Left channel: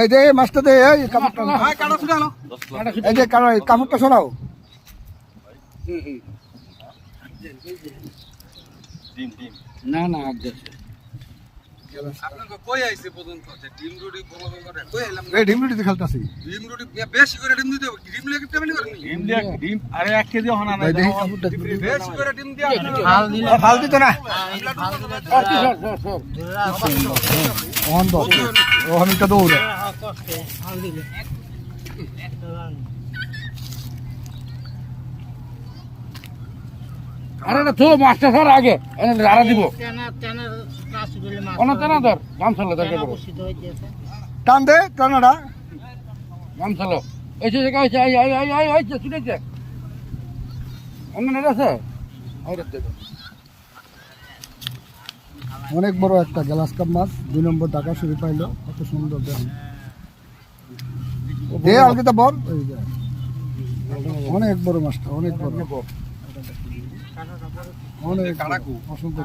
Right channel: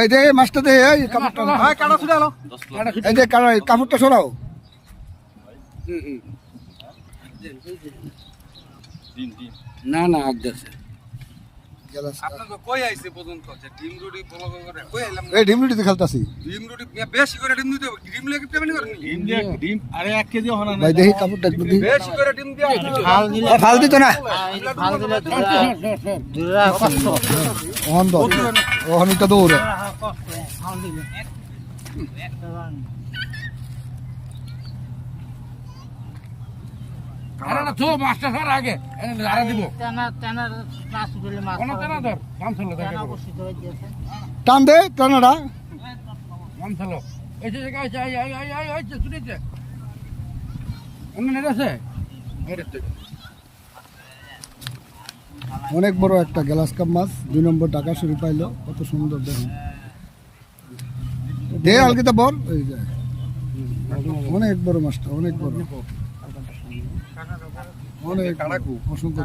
এই যে এই মাছটা দে, এই কাপড়টা এই যে কাপড়টা সরাও। না না আজ যাচ্ছে এই ডিম রুটিতে খেলতেছি। ভাই দেখি কাপড়টা একটু দিই। ফাল দিত না অহমিকা দৌড়ে আরে না তো মাছটা ধর আগে রাড়া দিব কোন টানা ধর গামছালো ধর টান দে টানাটা। গামছালো এই যে জায়গা আছে আই আই আই আই আই ছুটেছে অন্য নেট আছে অনেক বড় একটা গ্লাস কাপ মাছ, 2 নম্বর টাকা শুরু পাইলো, কত সুন্দর দেখুন। দে আলকিতা বল, এই যে অনেক বড় মাছটা, অনেক বড়, অনেক অসংখ্য।